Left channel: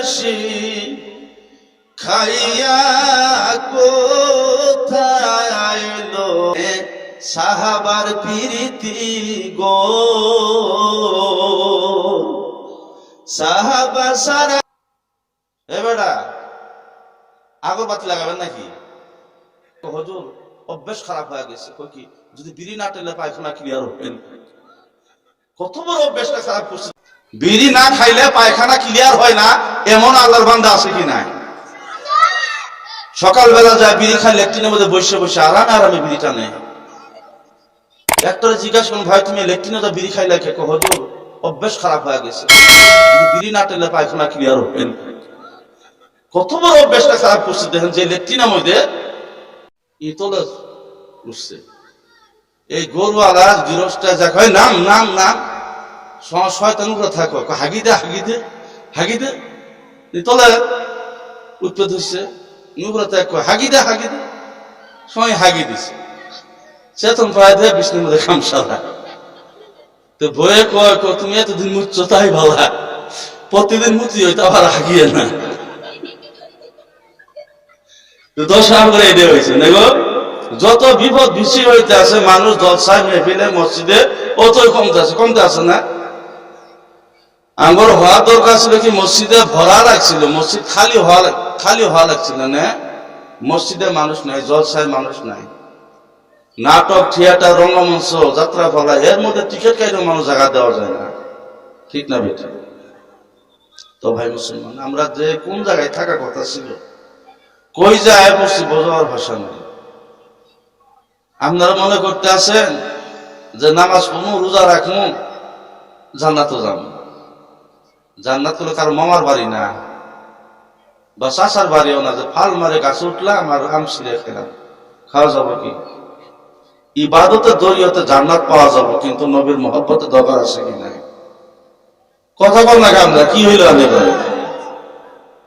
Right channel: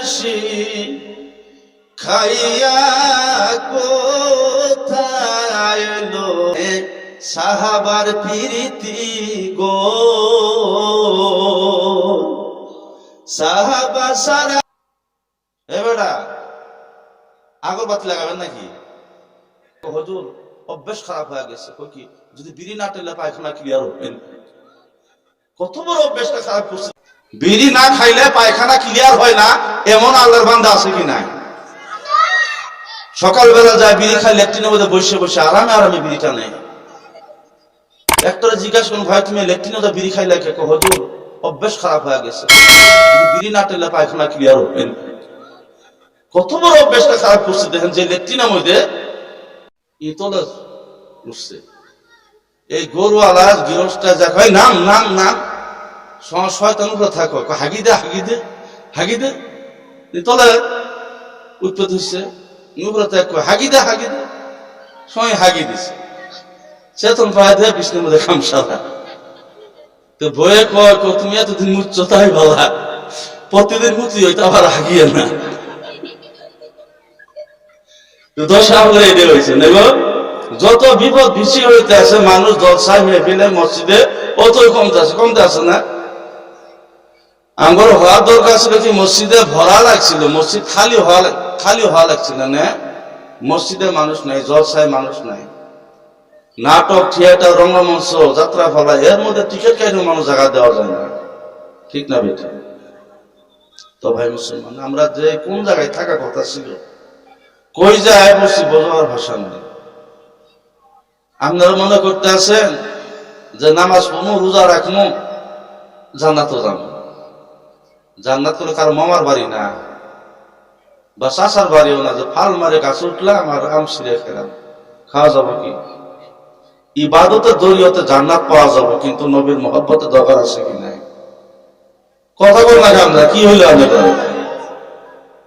প্রেমসি খাইয়া কোথায় এলো সাহাবার প্রীতি গো সাহাবা সারা। এ বেটা আগরবাতি লাগাবেন নাকি? হুজুর অভ্যাস খারাপ হয়ে গেছে। কই কি যদি বিড়ি না টেলে পায়খানা ক্লিয়ার হবেন? কত বড় অভ্যাসটা খারাপ করছে। বিড়ি না খাইলে পায়খানা ক্লিয়ার হয় না এমন আল্লাহর বান্দা আছে কি নাই? সকালবেলা যায় বিড়ি খাই লেট্রিনের মধ্যে বসে বসে আরামে আরামে বিড়িটা নেয়। একটারে জিজ্ঞাসা করুন ভাই তুমি লেট্রিনে তো বিড়ি খাইলে কে? হুজুর অভ্যাস খারাপ হয়ে গেছে, বিড়ি না টেলে পায়খানা ক্লিয়ার হবেন। কত বড় অভ্যাসটা খারাপ করছে দেখেন। যে লেট্রিনের মধ্যে ইতলে উঠছে, এই গরুওয়ালা গৃহস্থা যা কয় নাম নাম নাম শয়তান উপরে থাকো হাগি দে হাগি দে হাগি দে, ইতলে উৎপেদ হচ্ছে উপরে থাকো হাগি দে হাগি দে, সময় হাগি দিছে চেতন পায় দেয় বিষ্ণুর মধ্যে খামসালা। তো বয়ে কয় তুমি এতদিন মুচ্ছ তাই ভালা, প্রতিদিন মুচি হইতে আবার হাগিয়ে না। দশা করে এদের হয়েছে দেখো, যত বিপদ বেশি হইতে আছে মানুষ জলসায় মেহফিলে মসজিদে অতই কমতে আছে না। আমার হওয়ার দরকার ছিল কি মসজিদে ভরা লাগছিল, মসজিদ খালি হওয়া লাগছিল না। মসজিদে মানুষ নাই, জলসায় মানুষ নাই, নাটক থিয়েটার রঙ্গমঞ্চ যাত্রা ফলা এর মধ্যে টিকিট কাটেও মানুষ জায়গা দেওয়া যায় না, ঠিক না বেটা? তো ভাই মুসলমান আমরা যে কোন জায়গায় থাকা কথা ছিল, কই যায় বসছি বোঝার ভাষা নাই। আপনারা মনে করতে আছেন যে নামাজ পড়মু রোজা রাখমু জান্নাতও যাবো। জান্নাত হলো কারো মামার বাড়ি না বা চাচার বাড়িও না যে ফাল মারে গাছে উঠলাম আর আম ছিঁড়ে খেলাম, খাওয়া যাবো কি? ইবাদতের জরিয়তে জান্নাত পাওয়া যাবো, কিন্তু নবীর মহব্বতের দরকার আছে কি নাই? কথা বল না আমরা কি হইলো?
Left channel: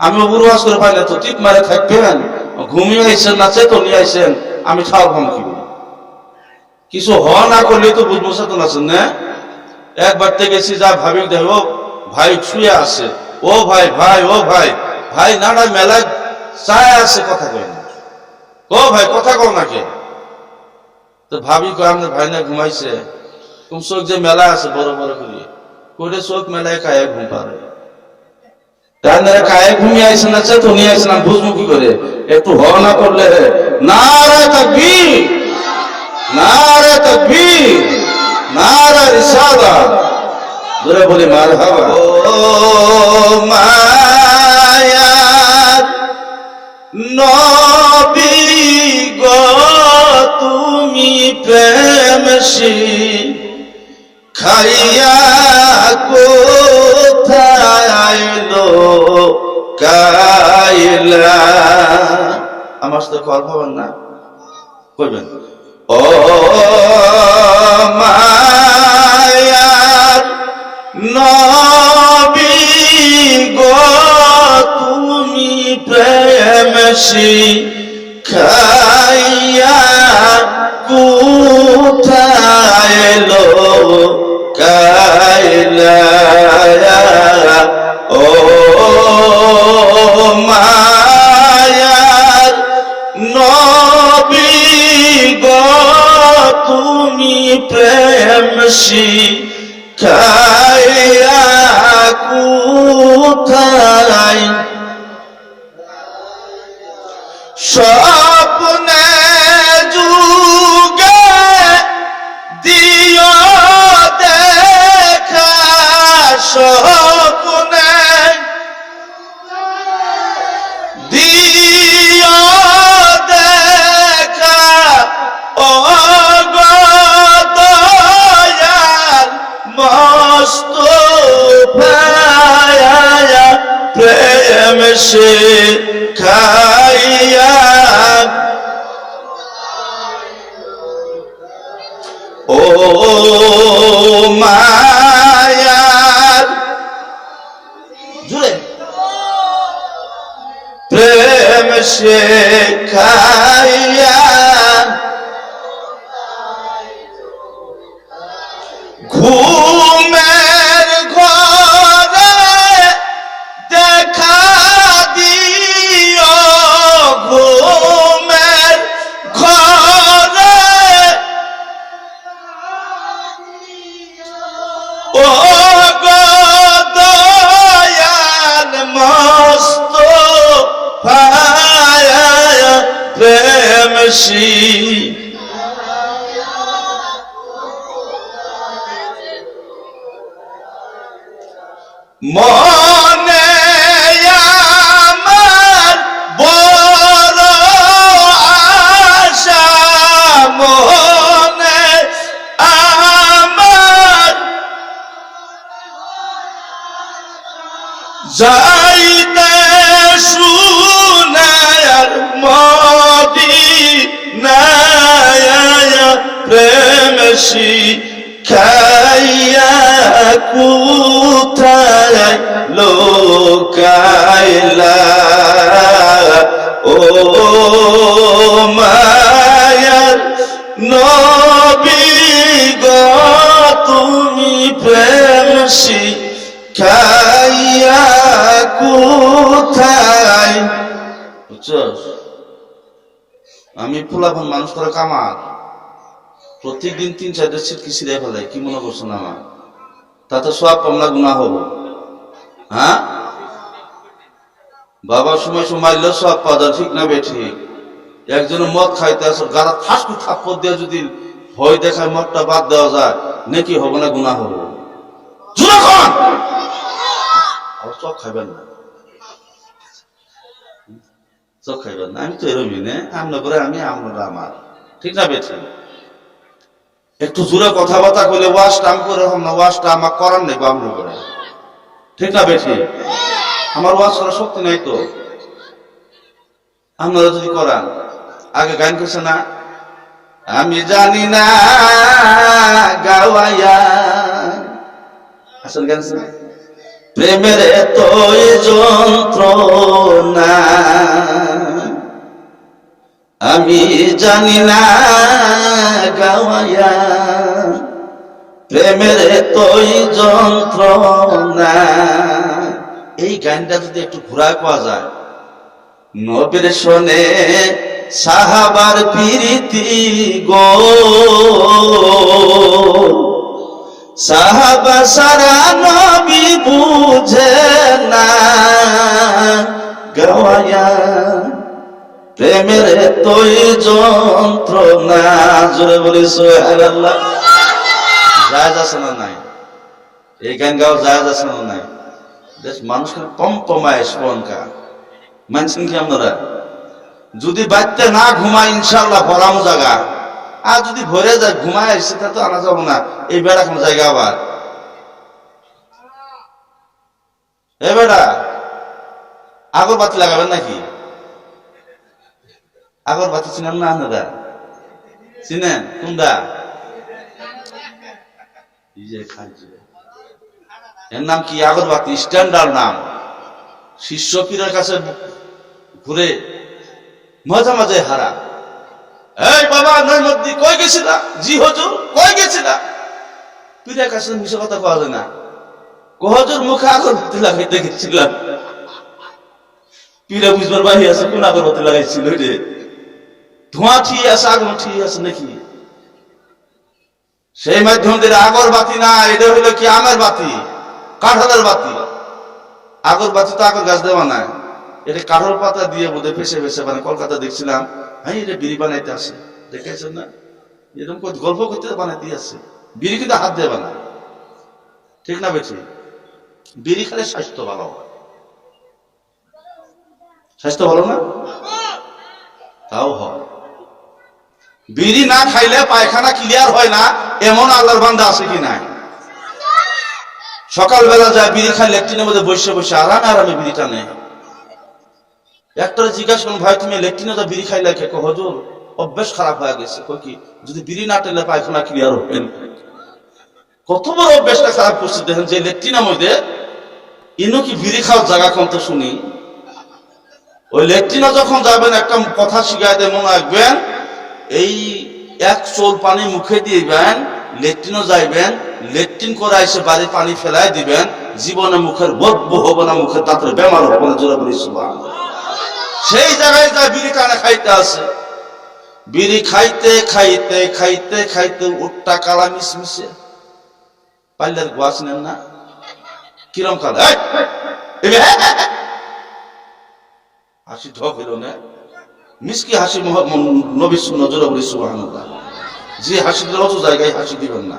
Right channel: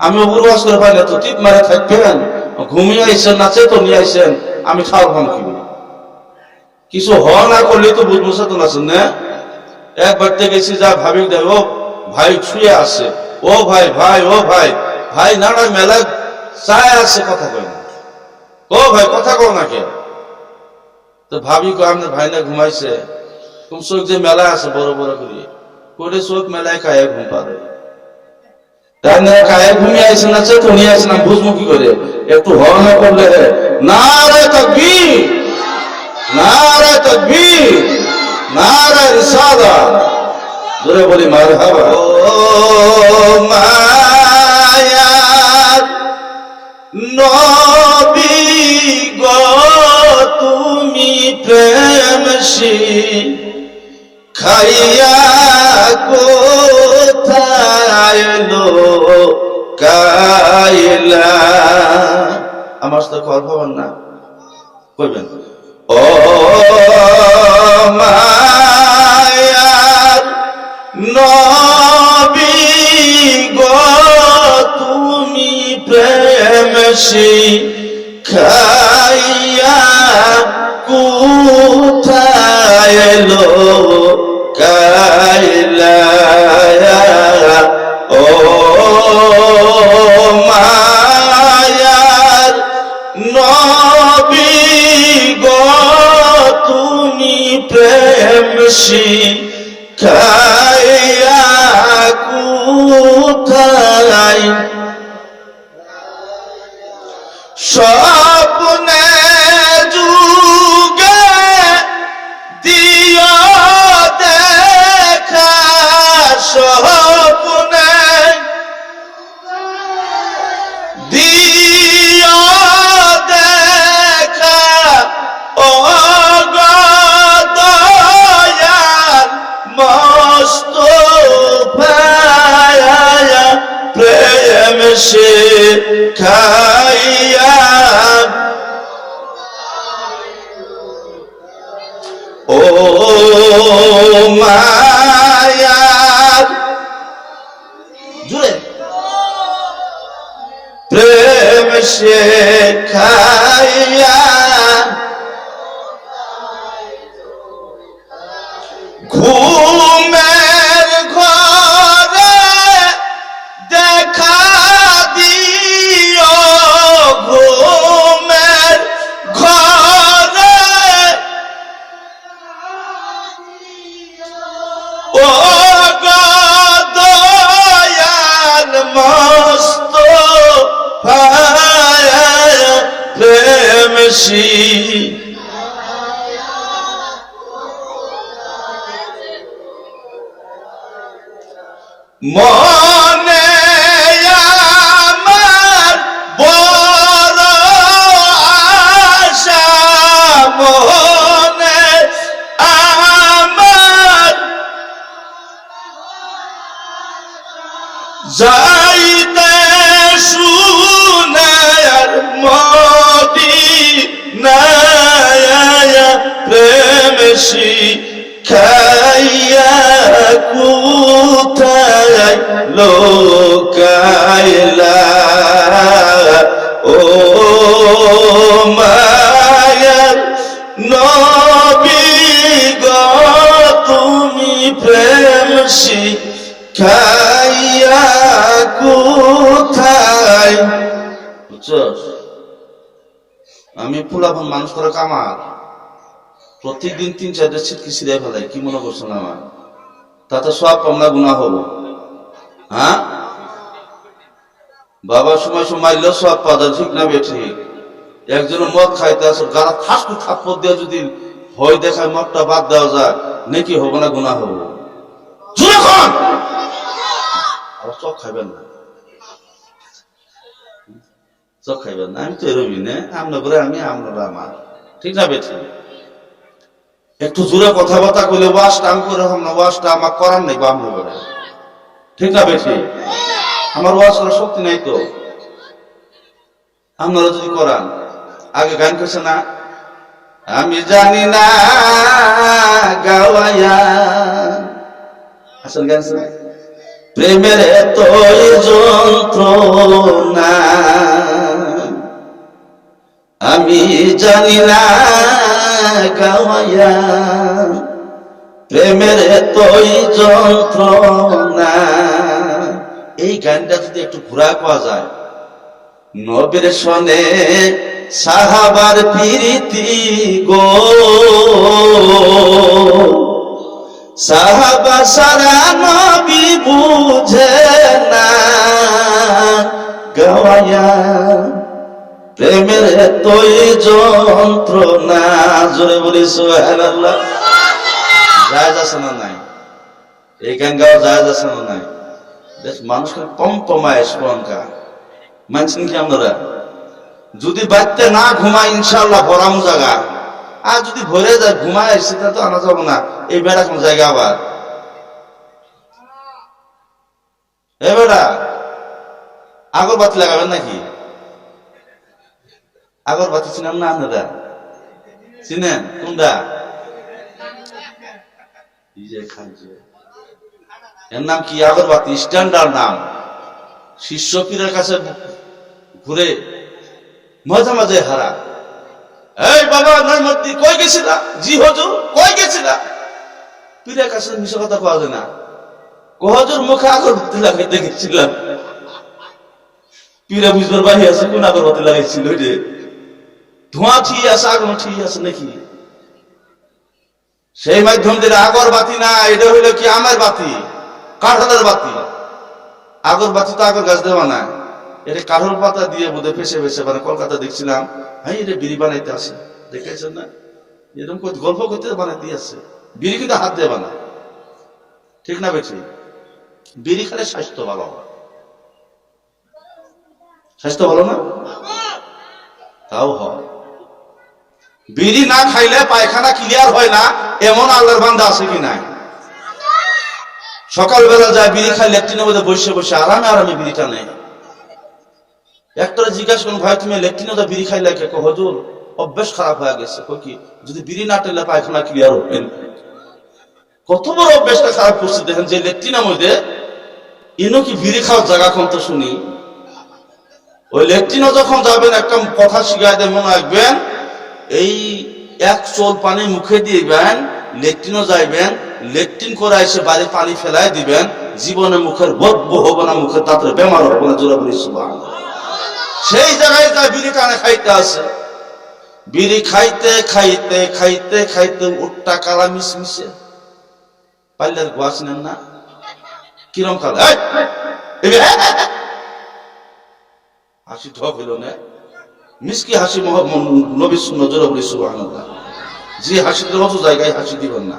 আমি উপরবাস করে পাই না তো টিপ মারে থাকবেন, ঘুমিয়ে আইসেন না চেতন নিয়ে আইসেন, আমি খাওয়ার ভাম কি কিছু হওয়া না করলে তো বুঝবো চেতন আছেন না। একবার গেছি যা ভাবি দেখো ভাই শুয়ে আছে, ও ভাই ভাই ও ভাই ভাই নাড়া মেলায় চায় আছে, কথা কই না। ও ভাই কথা কও না কে? তো ভাবি কয় আমাদের ভাই না ঘুমাইছে, তুমি চোখ যে মেলায় আছে বড় বড় করিয়ে করে চোখ মেলায় কায়ে ঘুম পারে, কায়ে ঘুমিয়ে আইসেন না চেতন নিয়ে আইসেন, আমি বুঝবো কি করে? একটু হওয়া না করলে নারায়ে তাকবীর নারায়ে তাকবীর নারায়ে রিসালাত জোরে বলি মারহাবা। ও মায়ার নবী গো তুমি প্রেমসি খাইয়া কোথায় এলো কাইলা। আমার সাথে কল হবেন না কইবেন ও মায়ার নবী গো তুমি প্রেমসি খাইয়া কোথায় এলো কাইলা। ও মায়ার নবী গো তুমি প্রেমসি খাইয়া কোথায় স্বপ্নে যুগে দিও দেখা, স্বপ্নে দিও দেখা ও গো দয়াল মোস্তফা প্রেম সে খাইয়া। ও মায়ার জুড়ে প্রেম সে খাইয়া ঘুমের ঘরে দেখা পায় প্রেম মনে আমার বড় আশা, মনে আমার যাইতে সোনার মদিনায় প্রেম শিখাইয়া কোথায় লোকাইলা ও মায়ার নবী গো তুমি প্রেম শিখাইয়া কোথায়। বুঝছস, আমি ফুলাফন মানুষ করে কামার প্রত্যেক দিন 3-4টা ছিটকি ছিঁড়ে ফেলাই, কি মনে করছো না আমার? তাতে সব পামলা গুনাহ হবো? হ্যাঁ বাবা, সময় সময় মারলেও সব পাওয়া যায়, ঠিক না বে ঠিক? একজন মদ খাইতে আসর গাড়া ঠাসকু থাপ্পড় দিয়ে যদি ভয় দেখায় মদটা বাদ দেওয়া যায়, নাকি হবো না গুনাহ হবো? যখন আবার চক খাইবেন না, চক খাইবেন না, আমি তো এরমই না, আমরা করে আমি, আমরা আমার, ঠিক না বে ঠিক? একটু জোরে কথাবার্তা করলে ওয়াশটা আমি করে হব না, ওয়াশটা আমার করার নেই বামরা করে, ঠিক না বেশি? আমার ওয়াশ করার শক্তি নাই তো, আপনারা যদি করান। আগে গান করছে না, আমি জানি না গাওয়াইয়া, আসেন গান শুনে, প্রেমের এতই যন্ত্রণা আমি জানি না গাওয়াইয়া, প্রেমের এতই যন্ত্রণা। এই গানটা যদি একটু ঘুরা পাওয়া যায়, নবীর শোনে সাহাবার প্রীতি গো, সাহাবা সারা নবী বুঝে না গাওয়াইয়া, প্রেমের এতই যন্ত্রণা। জোরে বলি সুবহানাল্লাহ। জায়েজ আছে না নাই? এই গান গাওয়া জায়েজ আছে না নাই? দেশ মানুষকে পম্পমায় স্পনকা মানছেন কি আপনারা? যদি বাড়তে না ঘুমায় ইনশাআল্লাহ ভরামু জায়গা, আর যদি ভরে যায় ঘুমায় সেটা তো আনা যাবো না, এই বেড়া কোন জায়গা আবার। এ বেড়া আগরবাতি লাগাবেন নাকি? আগরবাতি চিনেন না আপনারা? চিনেন কোনটা? এর নাম কি? আগরবাতি, স্ট্যান্ডার্ড নাম। শিষ্য পীরের কাছে ঘুরে মাঝে মাঝে হারা, এই বাবা নৈমদ্দি কই গেছিলা? জি হুজুর। কই গেছিলা? পীরের কাছে মিশা কথা কওয়া যায় না। হুজুর মুখে আগরবাতি লাগাইতে গেছিলাম। পীরে বুঝবার বাহি আছে কোন আগরবাতি লাগাইছিল রে? ধোঁয়া ঠিক আছে, আগুন ঠিক আছে নাকি? সেই মাধ্যম দিয়ে আগরবাতি না, এটা হইলো কি আমের বাতি, কাঁঠালের বাতি। আগরবাতি তো আগর গাছ দেওয়া না, এটা কাঁঠাল পাতা দিয়ে বোধহয় ফেসে ফেসে মানে কলকাতা দেখছিলাম, হ্যাঁ এটা বিড়ি বানাইতে আসে, দেখেছেন না? এরকম গল্প করতে বানাইতে আসে। বিড়ি কিন্তু হাত দিয়ে বানা, ঠিক না বেঠি? বিড়ি খেলে স্বাস্থ্য ভালো হয়। স্বাস্থ্য ভালো না? তাও হয়। বিড়ি না খাইলে পায়খানা ক্লিয়ার হয় না, এমন আল্লাহর বান্দা আছে কি নাই? সকালবেলা যায় বিড়ি খাই, লেট্রিনের মধ্যে বসে বসে আরামে আরামে বিড়িটা নেই। একটা জিজ্ঞাসা করুন, ভাই তুমি লেট্রিনে যা বিড়ি খাইলে কে? হুজুর অভ্যাস খারাপ হয়ে গেছে। কি যদি বিড়ি না টেলে পায়খানা ক্লিয়ার হবেন? কত বড় অভ্যাসটা খারাপ করছে দেখেন, যে লেট্রিনের মধ্যে ইনো কি বিড়ি খাওয়ার জায়গা কোন তো শুনি। ওই লেট্রিনে যখন যাবেন একটা কথা শিখাই দেয়, মনে রাখবেন, এই এক চোল পানি মুখে দিবেন, লেট্রিনও যাইবেন, লেট্রিন করে এসে বাড়ি পানি ফেলাই দিবেন, জীবনে মুখের বদবু হবো না, মুখের দাঁতের বেমার হবো না। জোরে বলি সুবহানাল্লাহ। সেই জায়গায় যা বিড়ি টানে খাইতে আছে, বিড়ি খাইতে খাইতে খাইতে খাইতে উঠটা কালা মিশমিশে, পাল্লার গোয়া চিনেন না? কিরম কালা? হাসি ঢক হইল না, মিষ্টি হাসি নবী নজরে বলি সুবহানাল্লাহ। যে হাসি দিলে অত জায়গায় হাসি দিবেন না।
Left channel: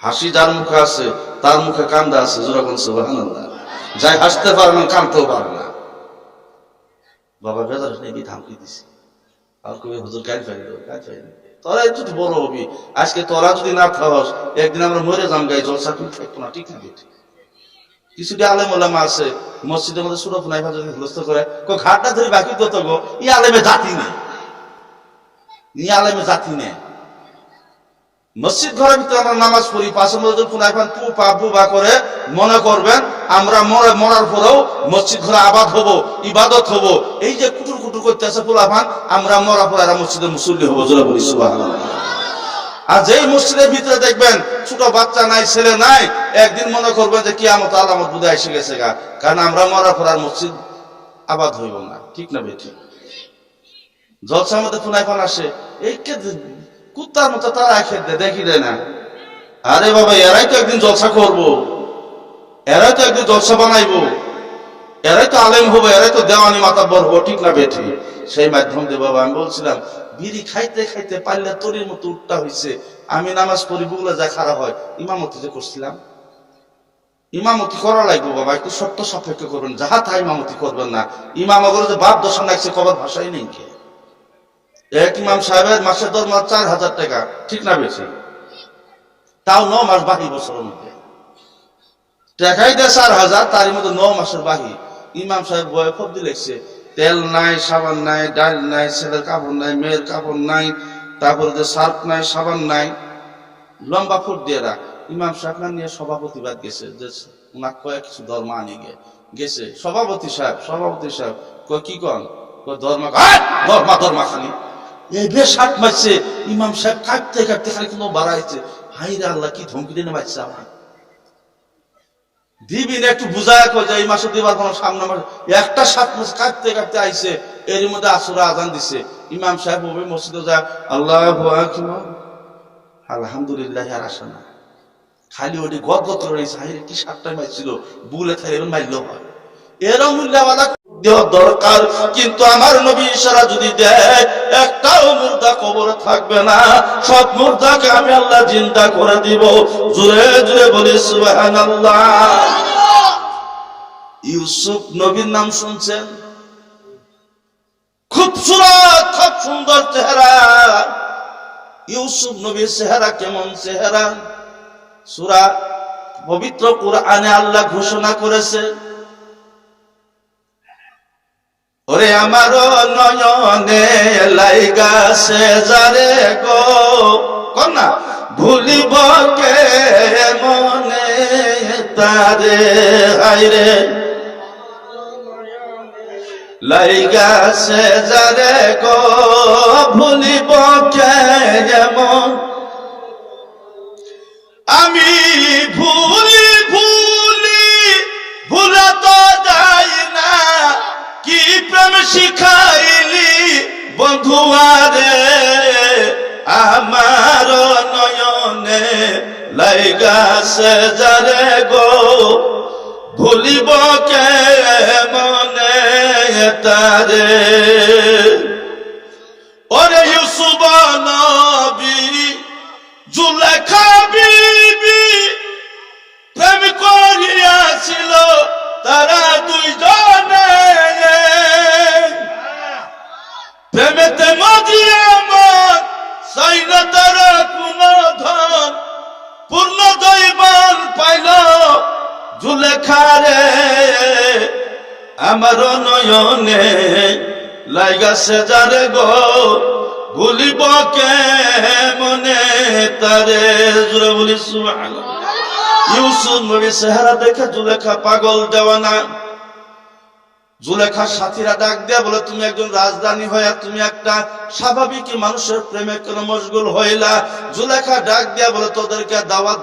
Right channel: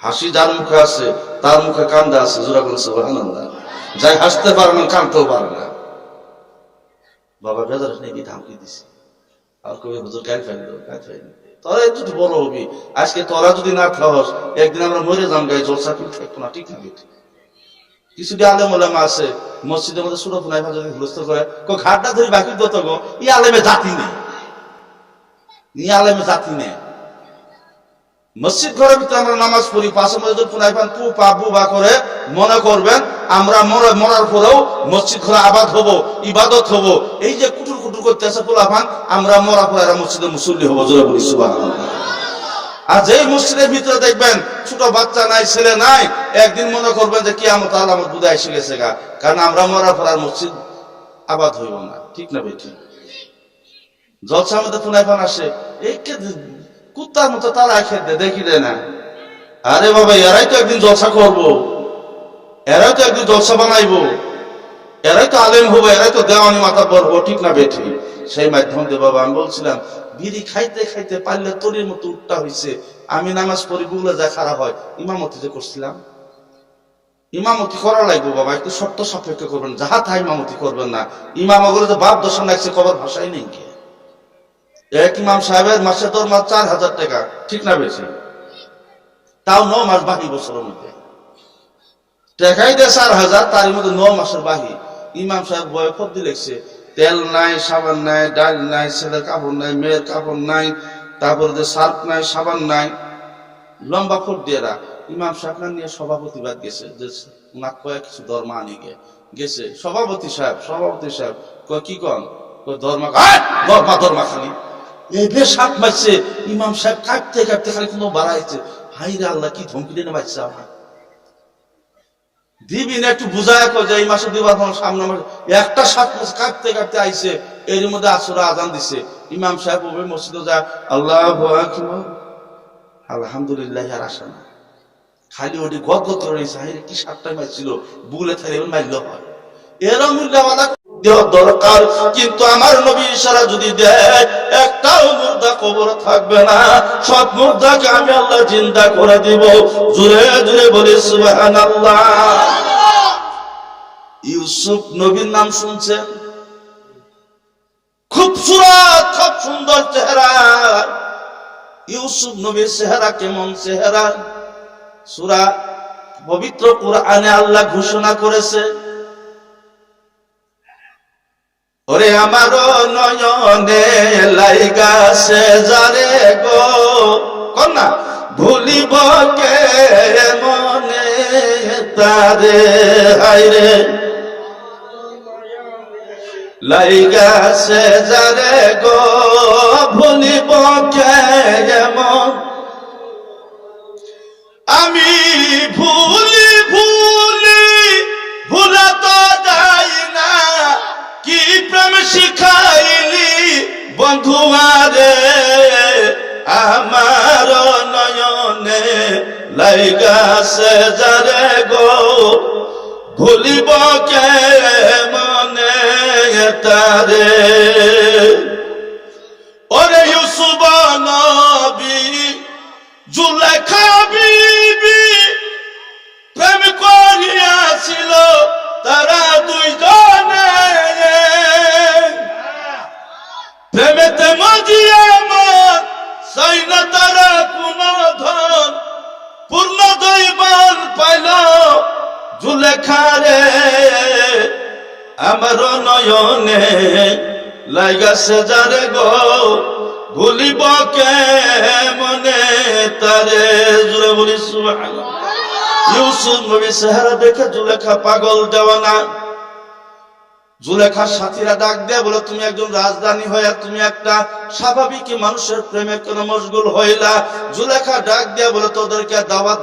হাসি যার মুখে আছে তার মুখে কান্দা আছে, জোরে বলি সুবহানাল্লাহ। যাই হাসতে পারে না কাঁদতেও পারে না। বাবা বেজার নাকি ধামকি দিছি, আর কবি হুজুর গাল ফাইল তোরা যদি বড় হবি, আজকে তোরা যদি না খাওয়াস একদিন আমরা মরে যাম, গাই জলসা কিন্তু থাকবো না, ঠিক না বেটি? কিছু আলেম ওলামা আছে মসজিদের মধ্যে সুরত নাই যদি হুলস্থ করে ঘাটটা ধরে বাকি দত গো, ই আলেমে জাতি নেই, ই আলেমে জাতি নেই। মসজিদ ঘরের ভিতরে আমরা নামাজ পড়ি, পাশের মধ্যে পুনাইফান তু পাবু বা করে মনে করবেন আমরা মরার পরেও মসজিদ ঘরে আবাদ হব, ইবাদত হব। এই যে কুটুর কুটুর করতে আছে পুলাফান, আমরা মরার পরে এরা মসজিদের মুসল্লি হবো, জোরে বলি সুবহানাল্লাহ। আর যেই মসজিদের ভিতরে দেখবেন ছোট বাচ্চা নাই, ছেলে নাই, একদিন মনে করবেন যে কিয়ামত আলামত বুঝে এসে গেছে গা, কারণ আমরা মরার পর আর মসজিদ আবাদ হইব না, ঠিক না বেটি? জলসার মধ্যে পুনাইফান আসে, এই কুত্তার মতো তারা খেতে দেখি দেয় না। আরে বাবা, এরাই তো একদিন জলসা করবো, এরাই তো একদিন জলসা বানাইবো, এরাই তো আলেম হবো, এরাই তো দেওয়ানি মাতাব্বর হবো, ঠিক না বেটি? সেই মাধ্যম দিয়ে বাবা আমি বলছিলাম, বিড়ি খাইতে খাইতে পারলে তরির মতো উঠটা হয়েছে। আমি নামাজ পড়ি, বুগলে যা খারাপ হয়, ইমামতি যে করছিলাম, ইমামতি করা লাগবে বাবা, একটু শর্ত সাপেক্ষ করবেন, যাহা তাই ইমামতি করবেন না। ইমামগুলো যে বাপ দশা লাগছে কবার ভাষাই নেই কে। এক ইমাম সাহেবের মাসে দরমা 4,000 টাকা, ঠিক না বেশি? তাও 9 মাস বাহি, বছরের মধ্যে টাকাই দেয় 4,000, তারই মধ্যে 9 মাসের বাহি। ইমাম সাহেব বয়ে ফদ্দি লেগছে, তেল নাই, সাবান নাই, ডাল নাই, ছেলের কাপড় নাই, মেয়ের কাপড় নাই, তারপরে যে সার্ফ নাই, সাবান নাই, লম্বা ফোট দিয়ে রাখ। ইমাম সাহেব না নিয়ে সভাপতিবাদ গেছে, যে ওনার কয়েক কিছু ধর্মা আনি গেছে। সভাপতি সাহেব কয় কি কন? ধর্মা খালি এই বেশ হাত মারছে। ইমাম সাহেব কাঁপতে কাঁপতে খালি কোনো বাড়াইছে, হাই রে আল্লাহ, কি ধমকি দিয়ে মারছে আমার। দিবি না একটু বুঝায় যে এই মাসে দিবার কোনো সামনে মাসে একটা 7 মাস কাঁপতে কাঁপতে আইছে। এর মধ্যে আসরে আজান দিছে, ইমাম সাহেব হবে মসজিদে যায়, আল্লাহু আকবার, আলহামদুলিল্লাহ, আর আসে না। খালি ওটি গদগদ করে রয়েছে, হাই রে কি 7টায় মারছিল, বুলে থাকলে এবার মারলেও হয়। এরও মূল্যওয়ালা দেওয়া দরকার, কিন্তু আমার নবী ইশারা যদি দেয় একটাও মুর্দা কবরে থাকবে না, সব মুর্দাকে আমি আল্লাহ জিন্দা করে দিব। জোরে জোরে বলি সুবহানাল্লাহ। ইউসুফ নবীর নাম শুনছেন? খুবসুরত, খুব সুন্দর চেহারা। ইউসুফ নবীর চেহারা কেমন চেহারা? সূরা পবিত্র কোরআনে আল্লাহ ঘোষণা করেছে, ওরে আমার নয়নে লাইগাছে যারে গো, কন্যা ভুলিব কে মনে তারে, হাইরে লাইগাছে যারে গো, ভুলিব কে মন, আমি ভুলি ভুলা তো যাই না, কি প্রেম শিখাইলি বন্ধুয়ারে, আমার নয়নে লাইগাছে যারে গো, ভুলিব কে মনে তারে। ওরে ইউসুফ নবী জুলেখা বিবি প্রেম করিয়াছিল তারা দুইজনে, প্রেমেতে মজিয়া মন চাই না তারা কোন ধন, পূর্ণ দৈবান পাইল জুলেখারে, আমার নয়নে লাইগাছে যারে গো, ভুলিব কে মনে তারে। জোরে বলি সুবহানাল্লাহ। ইউসুফ নবীর চেহারা দেখে জুলেখা পাগল দেওয়ানা। জুলেখার সাথীরা ডাক দেয়া বলে, তুমি একজন রাজধানী হয়ে তুমি একটা স্বাভাবিক মানুষের প্রেমে কেন মশগুল হইলা? জুলেখা ডাক দেয়া বলে, তোদেরকে দাওয়াত